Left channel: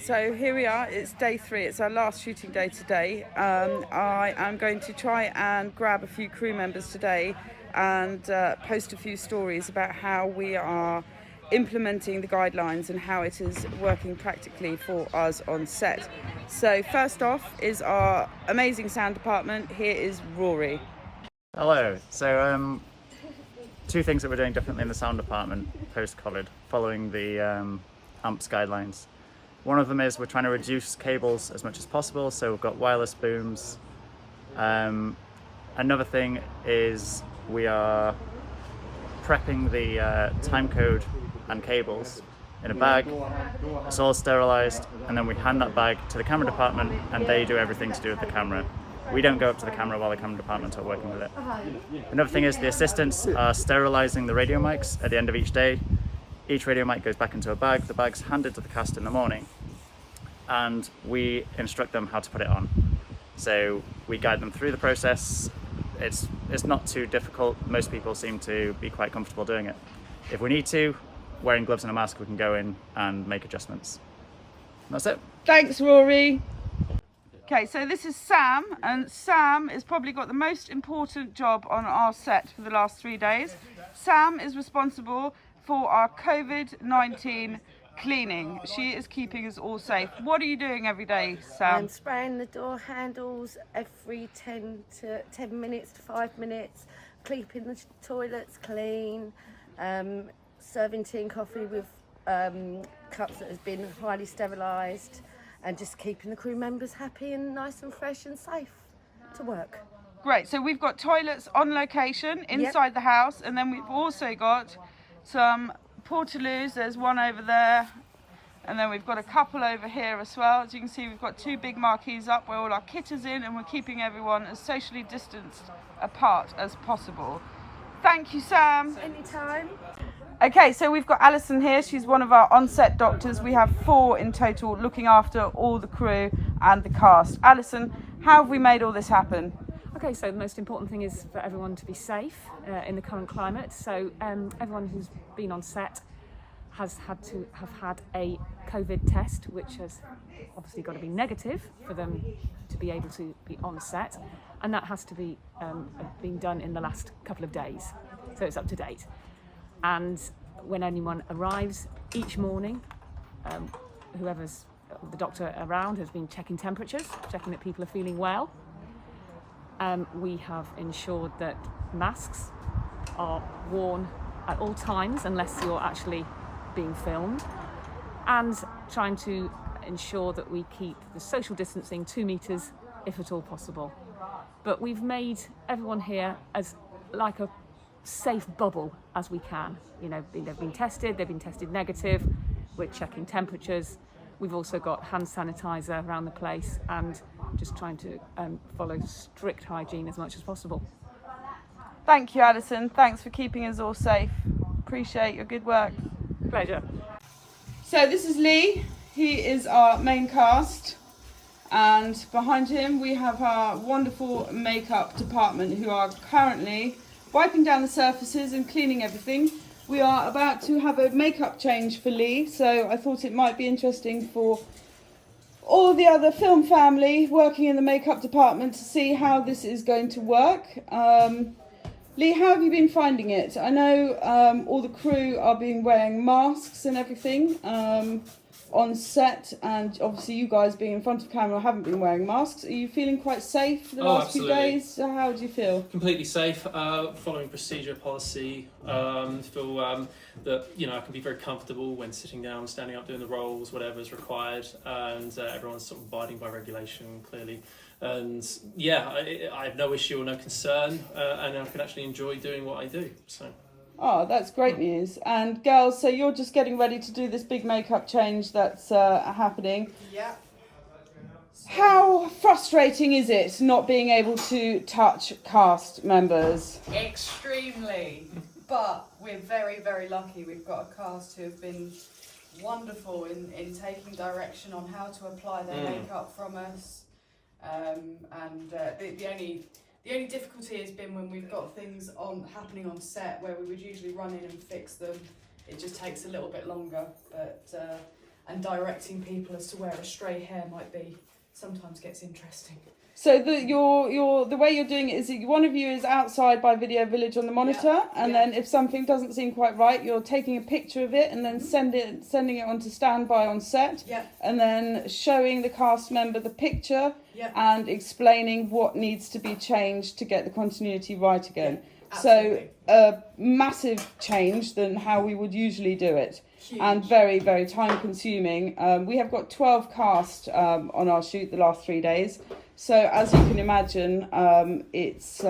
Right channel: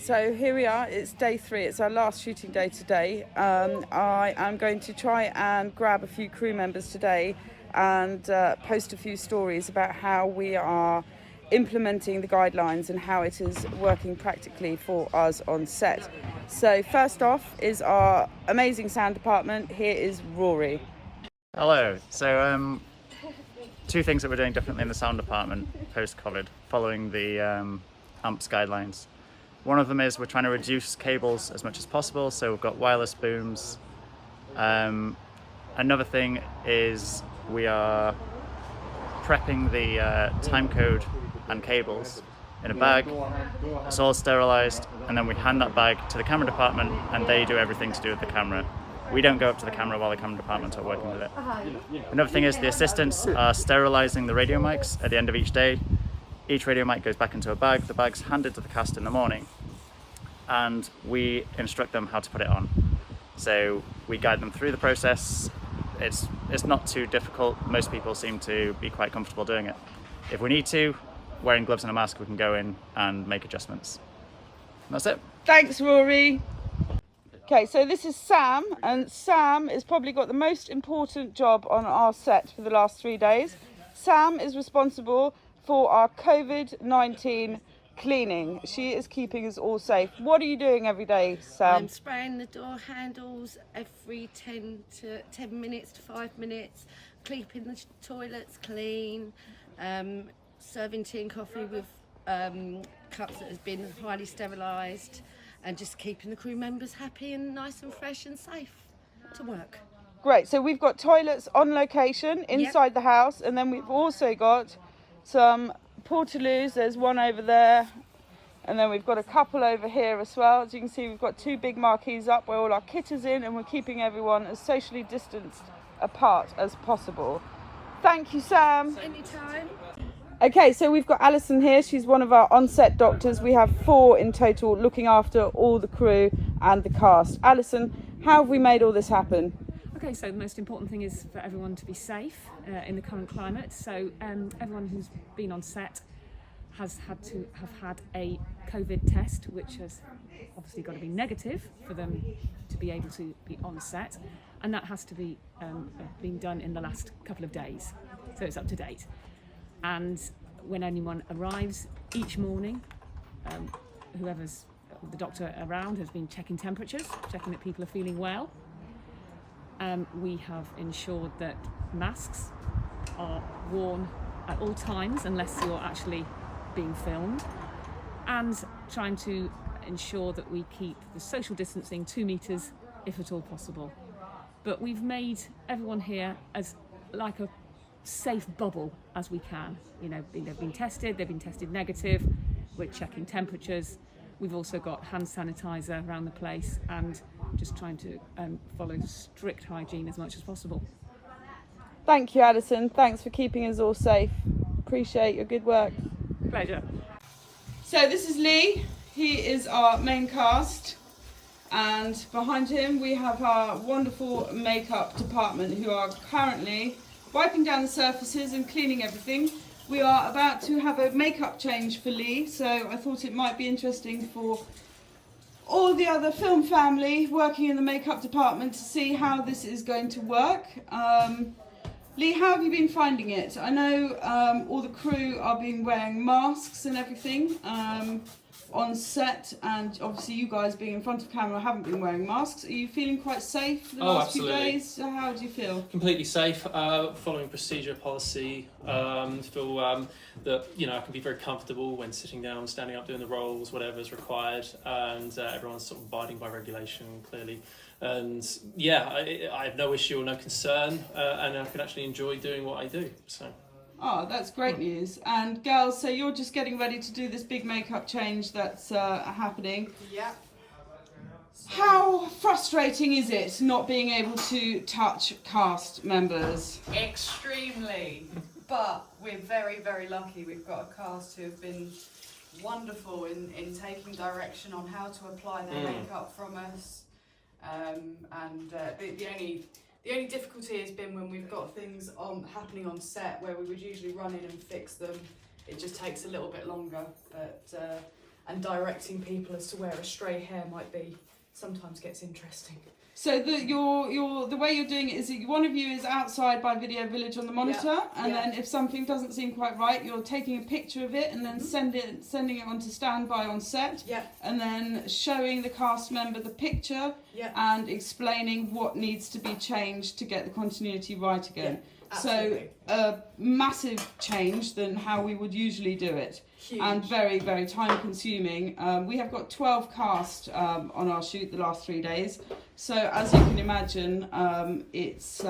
So here we are, it's day 3, it's our last shooting day today. I am going to try and grab a few crew members today and post a few stories about how we are implementing the guidelines and how it is working practically for us on set. So first off is our amazing sound department. Here is Rory. Hello. So two things that we're doing differently in the sound department post-COVID following the AMPS guidelines. One of them is we're trying to reduce cables as much as possible, so we've got wireless booms. Another thing is we are prepping the time code and cables in a bag. It's all sterilised, and then we hand that bag to the camera department and they do everything to do with the camera. We don't go up to the camera while the camera department are working with it. Another thing is the assistants are sterilising the radio mics at the end of each day. Each radio mic goes back into a bag, the bag's handed to the cast in the morning, and we instruct them how to put it on. So we guide them through the process. It's not too difficult. Most people seem to be quite comfortable doing it. If we need to, wearing gloves and a mask, we can go in and make adjustments. And that's it. Thanks, Rory. Okay, so this is Sam, and Sam has probably got the most important job on our set for the last 3 days. Sam is responsible for our Covid-19 cleaning. She is keeping us all safe. What are you doing every day, Sam? I'm spraying the door handles every 10 minutes to 5 minutes, keeping the toilets clean, serving tea and coffee with cups that has been highly sterilised, and just keeping the crew members happy and nice and fresh and safe to work. Great, so we've got toilets on location inside the house, and then we've also got some portaloos. There's one over there, and then we've got a couple over here as well. As you can see, we've got 2 big marquees up where all our kit is in, and we're keeping everyone as socially distanced apart as possible. Thank you, Sam. Anytime. Okay, so we've got Alison here. She's one of our on-set doctors. We have 4 in total looking after all the crew and the cast. Alison, how have we made all this happen? Okay, so the most important thing is for everyone to be safe in the current climate. So everyone who's been on set has had to have had a COVID test, which has obviously got to be negative for them to be able to be on set. And that has to be been done in the last couple of days. So it's up to date. And when anyone arrives each morning, whoever's the doctor around has been checking temperatures, checking that people are feeling well. We have ensured that masks are worn at all times unless you're actually being filmed, and trying to ensure that we keep the social distancing 2 meters if at all possible. But we've made everyone here as like a safe bubble as we can. You know, they've been tested negative, we're checking temperatures. We've also got hand sanitizer around the place and just trying to follow strict hygiene as much as possible. Thank you, Alison. Thanks for keeping us all safe. Appreciate your good work. Pleasure. So this is Lee. He is our main cast. And behind him we have our wonderful makeup department who are currently wiping down the surfaces and cleaning everything. We are about to have a makeup change for Lee, so I thought it might be interesting for all the other film family working in the makeup department to see how this is going to work. Lee, how have you been finding it? I know all the crew are wearing masks and everything on set, and obviously you guys being in front of camera haven't been wearing masks. Are you feeling quite safe for the last few days? How do you feel? Completely safe, following procedure policy. Feel that, you know, I can be very comfortable when sitting down, standing up, doing the roles, whatever is required, and everyone's sort of abiding by regulation clearly. And yeah, I have no issue or no concern, and I can actually enjoy doing what I do. So. Oh, that's great news. And girls, so you're just getting ready to do this big makeup change that's happening. Yeah. How frustrating is it not being able to touch cast members? Extremely. But we're very, very lucky. We've got a cast who have been wonderful in taking direction on how to apply their makeup from us. The only difficulty has been when we've got things happening on set where we would usually run in and fix them. It just takes a little bit longer. But and directing people as to where a stray hair might be sometimes gets interesting. So the way you're doing it is that one of you is outside by Video Village on the monitor, and then if something doesn't seem quite right, you're taking a picture of it and then sending it onto standby on set, and then showing the cast member the picture and explaining what needs to be changed to get the continuity right again. So a massive change than how we would usually do it. Huge. And very, very time consuming. We have got 12 cast on our shoot the last 3 days. So as you can imagine, it's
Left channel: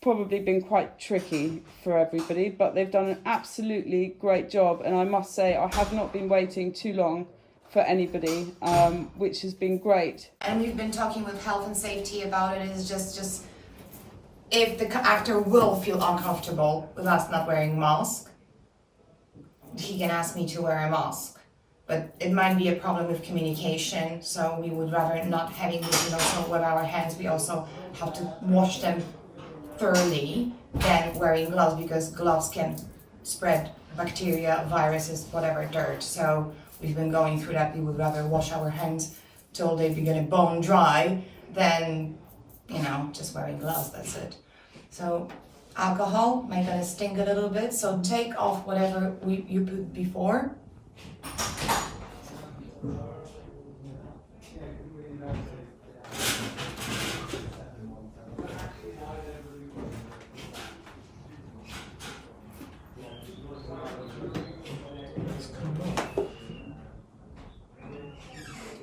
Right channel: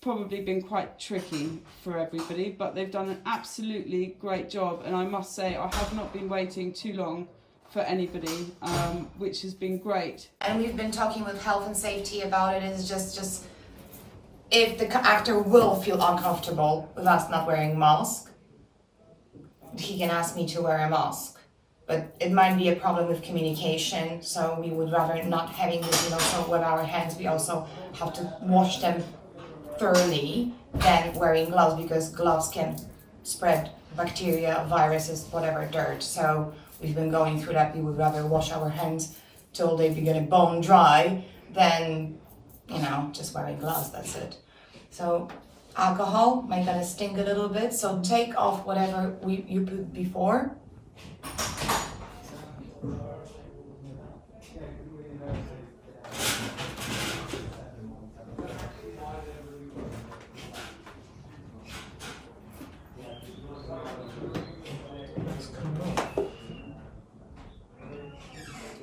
probably been quite tricky for everybody, but they've done an absolutely great job. And I must say, I have not been waiting too long for anybody, which has been great. And we've been talking with health and safety about it. Is just if the actor will feel uncomfortable with us not wearing a mask, he can ask me to wear a mask. But it might be a problem with communication, so we would rather not having this, so with our hands, we also have to wash them thoroughly than wearing gloves, because gloves can spread bacteria, viruses, whatever, dirt. So we've been going through that. We would rather wash our hands till they begin bone dry than, just wearing gloves, that's it. So alcohol might gonna sting a little bit, so take off whatever you put before.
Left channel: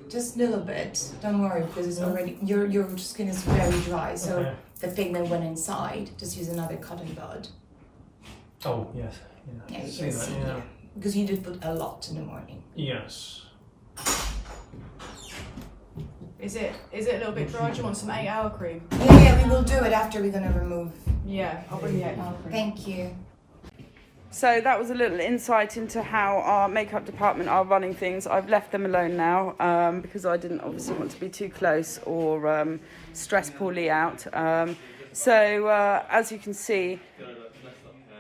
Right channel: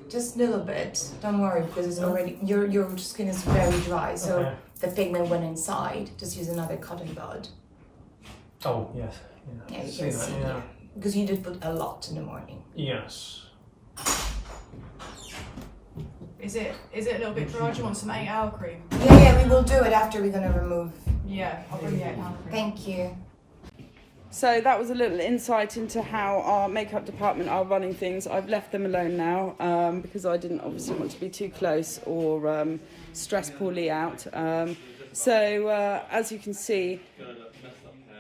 Just a little bit, don't worry, because it's already, your skin is very dry, so the pigment went inside. Just use another cotton bud. Oh, yes. Yeah, you can see. Because you did put a lot in the morning. Yes. Is it a little bit dry? Do you want some 8-hour cream? Yeah, we will do it after we're gonna remove. Yeah, I'll bring the 8-hour cream. Thank you. So that was a little insight into how our makeup department are running things. I've left them alone now because I didn't obviously want to be too close or stress poorly out. So as you can see,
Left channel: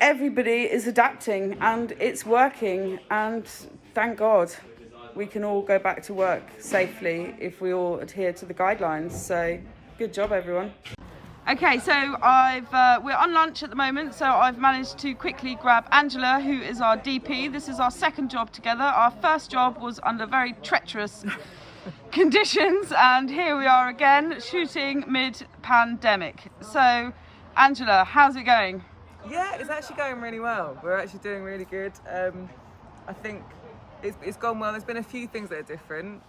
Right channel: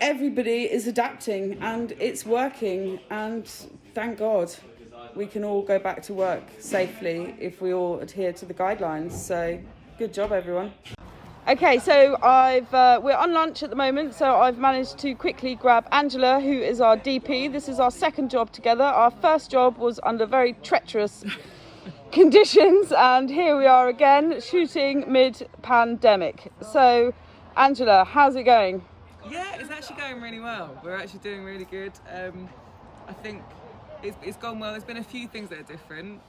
everybody is adapting and it's working, and thank God we can all go back to work safely if we all adhere to the guidelines. So good job, everyone. Okay, so we're on lunch at the moment, so I've managed to quickly grab Angela, who is our DP. This is our second job together. Our first job was under very treacherous conditions, and here we are again shooting mid-pandemic. So, Angela, how's it going? Yeah, it's actually going really well. We're actually doing really good. I think it's gone well. There's been a few things that are different.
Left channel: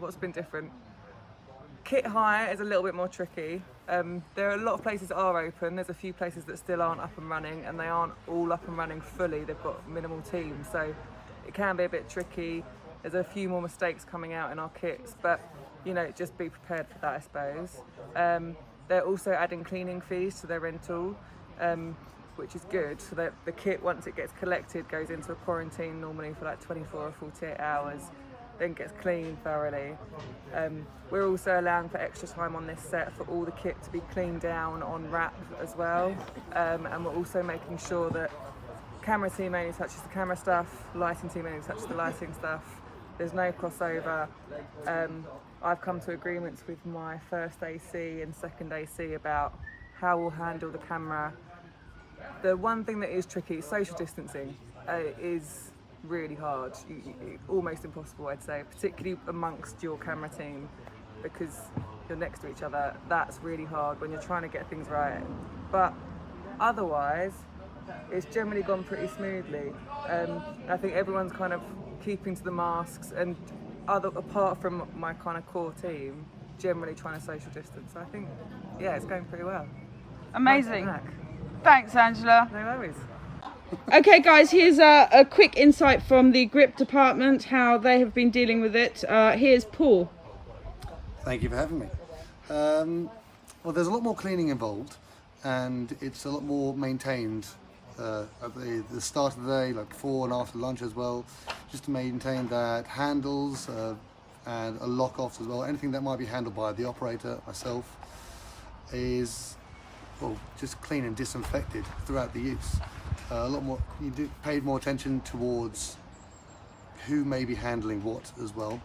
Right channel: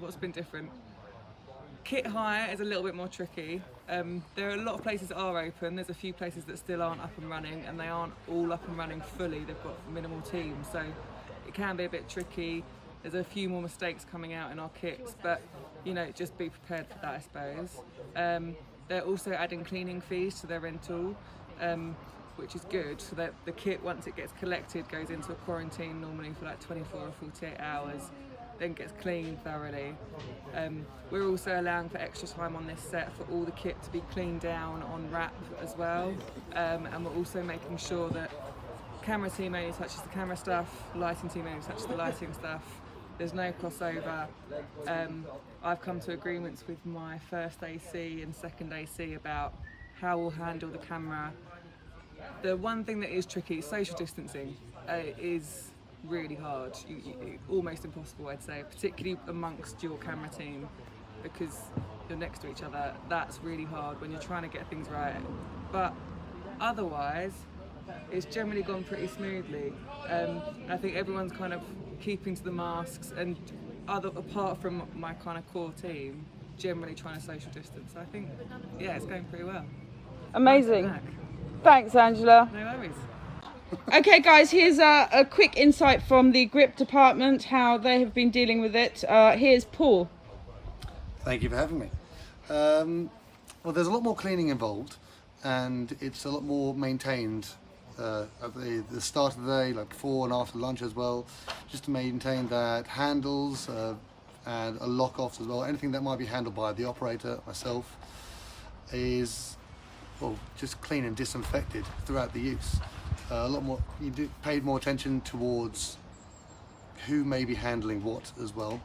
What's been different? Kit hire is a little bit more tricky. There are a lot of places that are open. There's a few places that still aren't up and running, and they aren't all up and running fully. They've got minimal teams, so it can be a bit tricky. There's a few more mistakes coming out in our kits, but just be prepared for that, I suppose. They're also adding cleaning fees to their rental, which is good, so that the kit, once it gets collected, goes into a quarantine normally for like 24 or 48 hours. Then gets cleaned thoroughly. We're also allowing for extra time on this set for all the kit to be cleaned down on wrap as well, and we're also making sure that camera team only touches the camera stuff, lighting team only touches the lighting stuff. There's no crossover. I've come to agreements with my first AC and second AC about how we'll handle the camera. The one thing that is tricky is social distancing. Is really hard, almost impossible, I'd say, particularly amongst your camera team, because you're next to each other. That's really hard when you're trying to get things right, but otherwise it's generally gone pretty smoothly. I think everyone's kind of keeping to the masks, and apart from my kind of core team, generally trying to social distance. So I think, yeah, it's going pretty well. Amazing. Nice. Thanks, Angela. No worries. Okay guys, here's a quick insight from the grip department, how they have been dealing with it. Here's Paul. Thank you for having me. Well, there's a lot more cleaning involved, and it's a lot more maintained at the start of the day, like before and after lunch as well, just to maintain that handles and a lock-offs as well. Anything that might be handled by the operator, myself, is just clean and disinfected throughout the use. A lot more, paid more attention towards who may be handling what as well,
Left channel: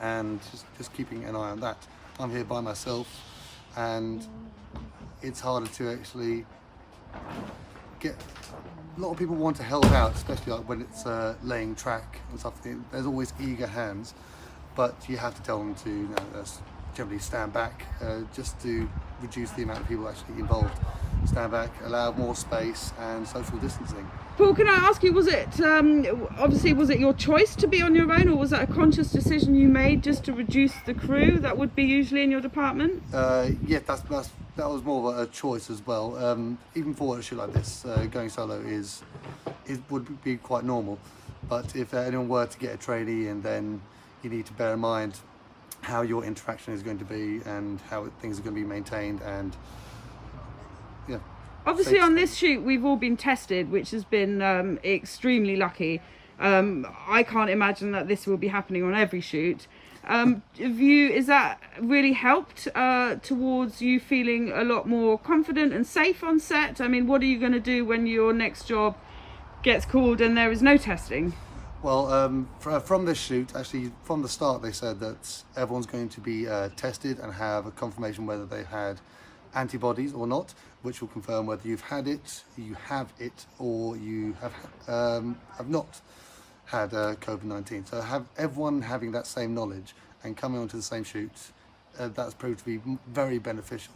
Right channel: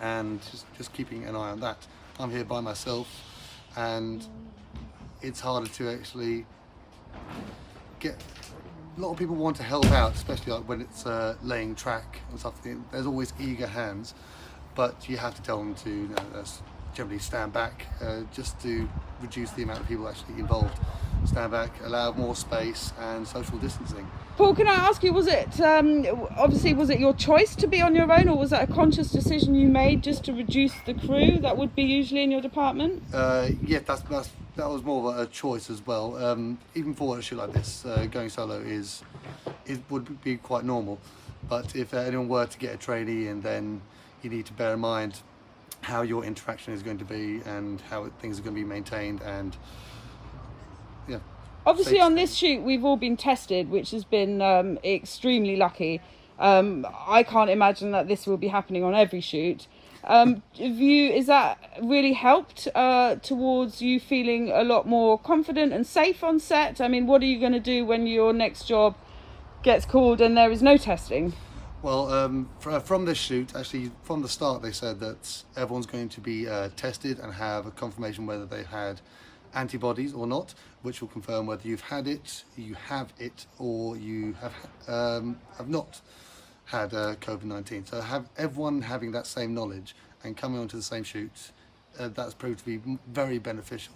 and just keeping an eye on that. I'm here by myself, and it's harder to actually get. A lot of people want to help out, especially like when it's laying track and stuff. There's always eager hands, but you have to tell them to generally stand back, just to reduce the amount of people actually involved. Stand back, allow more space and social distancing. Paul, can I ask you, was it obviously was it your choice to be on your own, or was that a conscious decision you made just to reduce the crew that would be usually in your department? Yeah, that was more of a choice as well. Even for a shoot like this, going solo would be quite normal. But if anyone were to get a trainee, and then you need to bear in mind how your interaction is going to be and how things are going to be maintained, and yeah. Obviously on this shoot we've all been tested, which has been extremely lucky. I can't imagine that this will be happening on every shoot. Is that really helped towards you feeling a lot more confident and safe on set? I mean, what are you going to do when your next job gets called and there is no testing? Well, from this shoot, actually from the start they said that everyone's going to be tested and have a confirmation whether they had antibodies or not, which will confirm whether you've had it, you have it, or you have not had Covid19. So everyone having that same knowledge and coming onto the same shoot, that's proved to be very beneficial,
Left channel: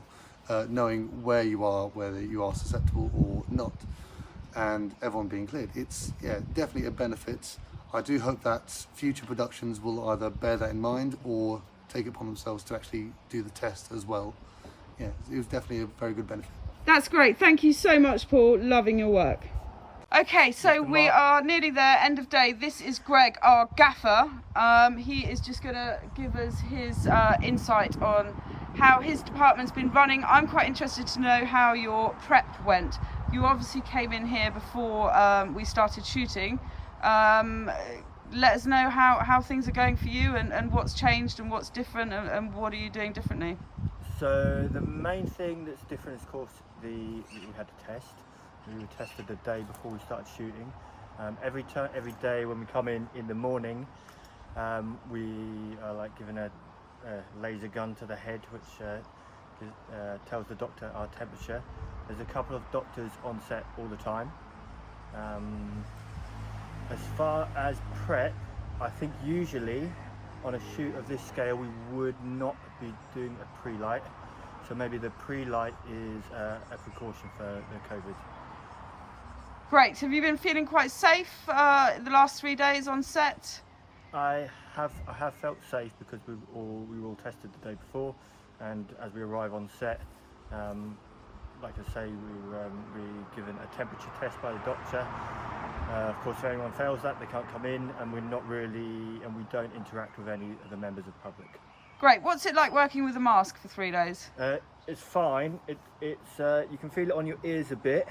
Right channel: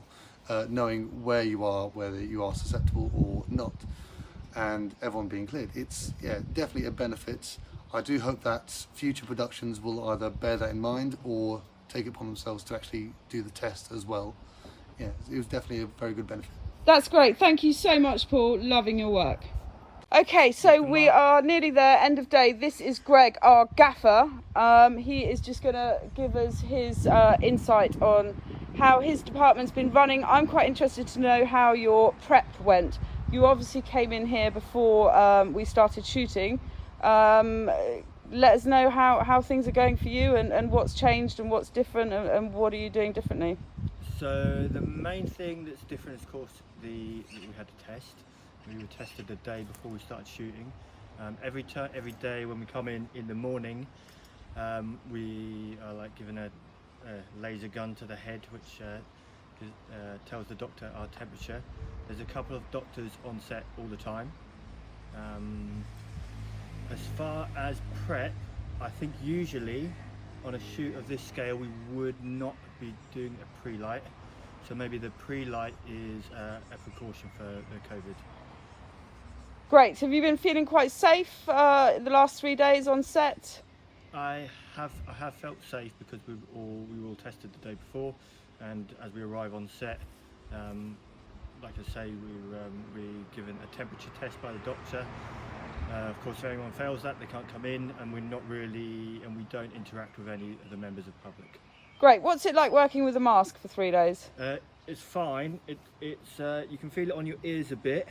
knowing where you are, whether you are susceptible or not, and everyone being cleared. It's definitely a benefit. I do hope that future productions will either bear that in mind or take it upon themselves to actually do the test as well. Yeah, it was definitely a very good benefit. That's great. Thank you so much, Paul. Loving your work. Okay, so we are nearly there, end of day. This is Greg, our gaffer. He is just going to give us his insight on how his department's been running. I'm quite interested to know how your prep went. You obviously came in here before we started shooting. Let us know how things are going for you, and what's changed and what's different, and what are you doing differently? So the main thing that's different is, of course, we had a test. We were tested the day before we started shooting. Every day when we come in the morning, we are like given a laser gun to the head, which tells the doctor our temperature. There's a couple of doctors on set all the time. As far as prep, I think usually on a shoot of this scale we would not be doing a pre-light, so maybe the pre-light is a precaution for the COVID. Great. Have you been feeling quite safe the last 3 days on set? I have felt safe because we were all tested the day before, and as we arrive on set, like I say, we're given a temperature test by the doctor. Of course, if anyone fails that, they can't come in, and we don't interact with any of the members of the public. Great. What's it like working with a mask for 3 days? It's fine. It's you can feel it on your ears a bit,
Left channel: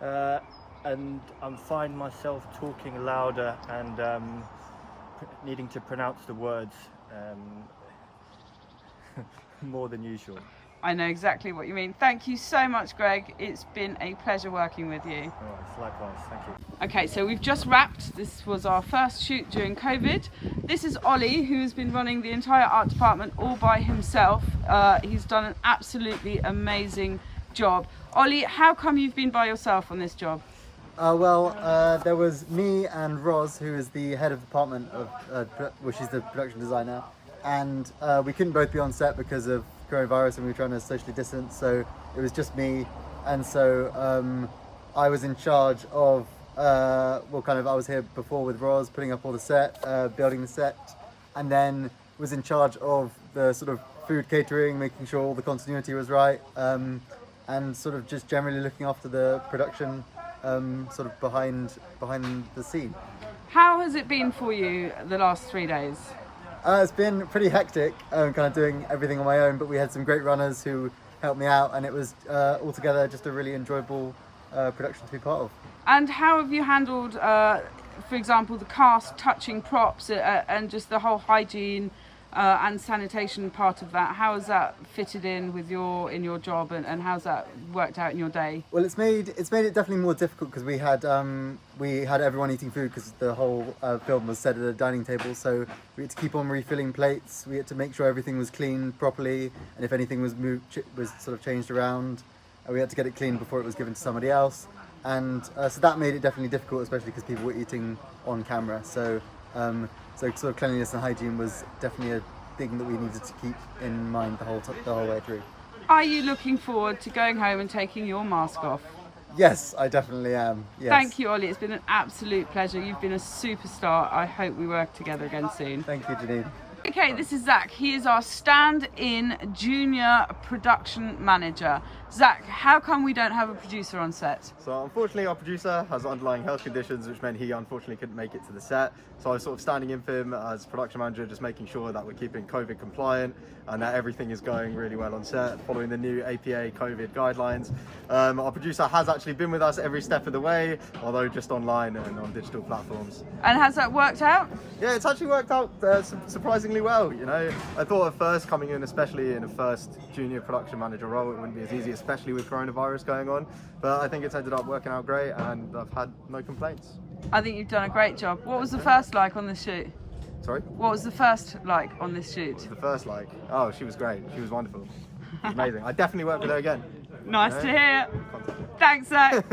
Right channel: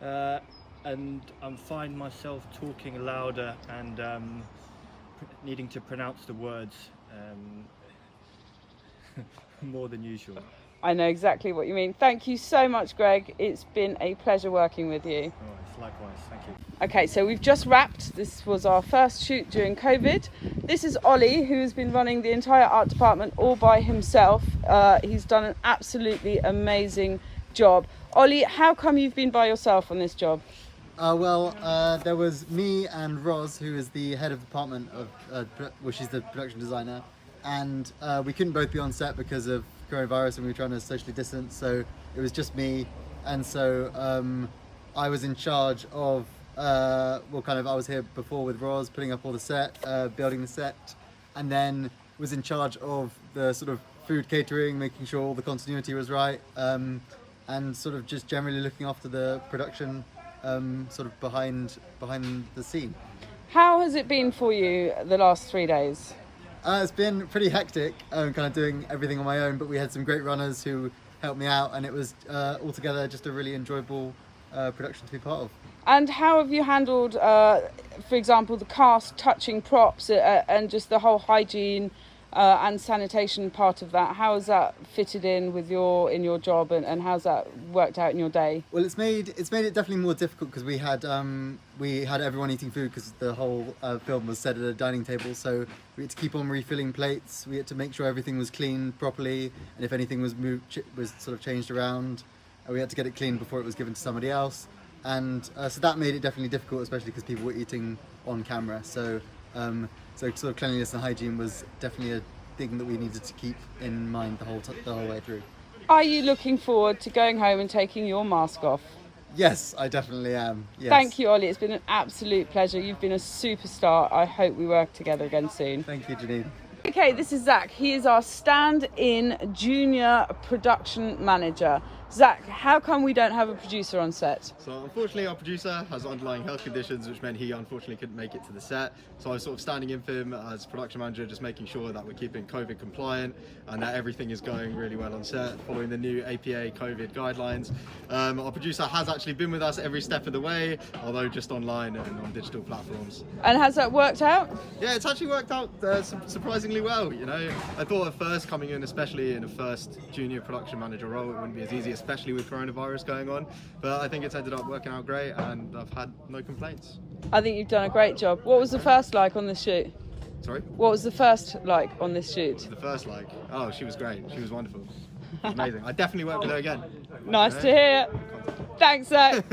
and I'm finding myself talking louder and needing to pronounce the words more than usual. I know exactly what you mean. Thank you so much, Greg. It's been a pleasure working with you. All right, likewise. Thank you. Okay, so we've just wrapped. This was our first shoot during COVID. This is Ollie, who has been running the entire art department all by himself. He's done an absolutely amazing job. Ollie, how come you've been by yourself on this job? There was me and Roz, who is the head of department she's the production designer, and we couldn't both be on set because of coronavirus, and we were trying to socially distance, so it was just me. And so I was in charge of I was here before with Roz, putting up all the set, building the set, and then was in charge of the sort of food catering, making sure all the continuity was right, and sort of just generally looking after the production sort of behind the scene. How has it been for you the last 3 days? It's been pretty hectic, kind of doing everything on my own, but we had some great runners who helped me out, and it was altogether just a really enjoyable production to be part of. And how have you handled, for example, the cast touching props and just the whole hygiene and sanitation part of that. How has that fitted in with your job, and how's that worked out in your day? Well, it's made it definitely more difficult because we had everyone eating food because the whole film was set at a dining table, so we had to keep on refilling plates. We had to make sure everything was cleaned properly, and if anything was was sort of changed around, we had to get it cleaned before it was given to somebody else. And so that made it definitely difficult, especially because people were eating on camera. So sort of cleanliness and hygiene was definitely a thing that we needed to keep in mind the whole way through. Are you looking forward to going home and taking your mask off? Yes, I definitely am. Yes. Thank you, Ollie. It's been an absolute pleasure. You've been a superstar. I hope we work together again soon. Thank you, Janine. Okay, this is Zach. He is our stand-in junior production manager. Zach, how come we don't have a producer on set? So unfortunately our producer has underlying health conditions, which meant he unfortunately couldn't make it to the set. So I was sort of standing in for him as production manager, just making sure that we're keeping COVID compliant and that everything is going really well on set, following the new APA COVID guidelines. Our producer has actually been with us every step of the way, although just online and on digital platforms. And has that worked out? Yeah, it's actually worked out surprisingly well, you know. I thought at first, coming in, especially in a first junior production manager role, it wouldn't be as easy, especially with coronavirus going on, but I think it's ended up working out great and I've had no complaints. I think you've done a great job. What was the first like on this shoot? Sorry? What was the first like on this shoot? The first like? Oh, she was great. She was wonderful. It was amazing. I definitely work with her again. Nice to hear. Thanks, Zach.